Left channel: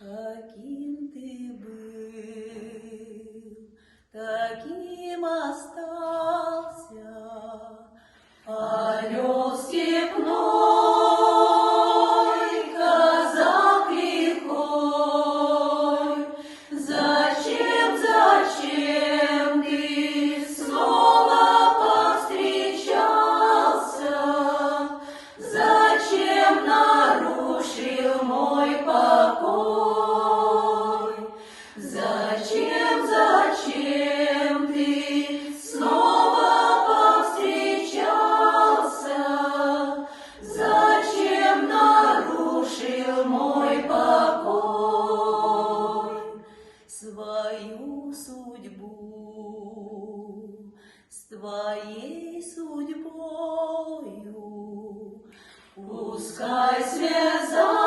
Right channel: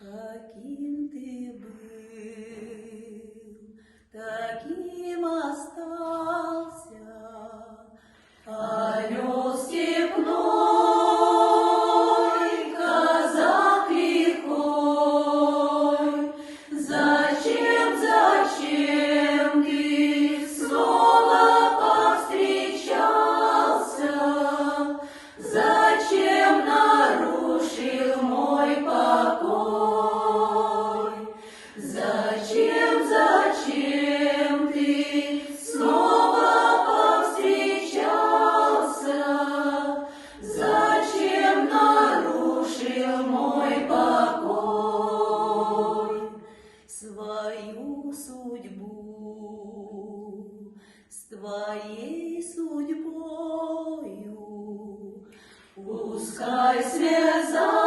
Каким ты был, таким остался, орел степной, казак лихой. Зачем ты снова повстречался? Зачем нарушил мой покой? Зачем ты снова повстречался? Зачем нарушил мой покой? Свою судьбу с твоей судьбою пускай связать.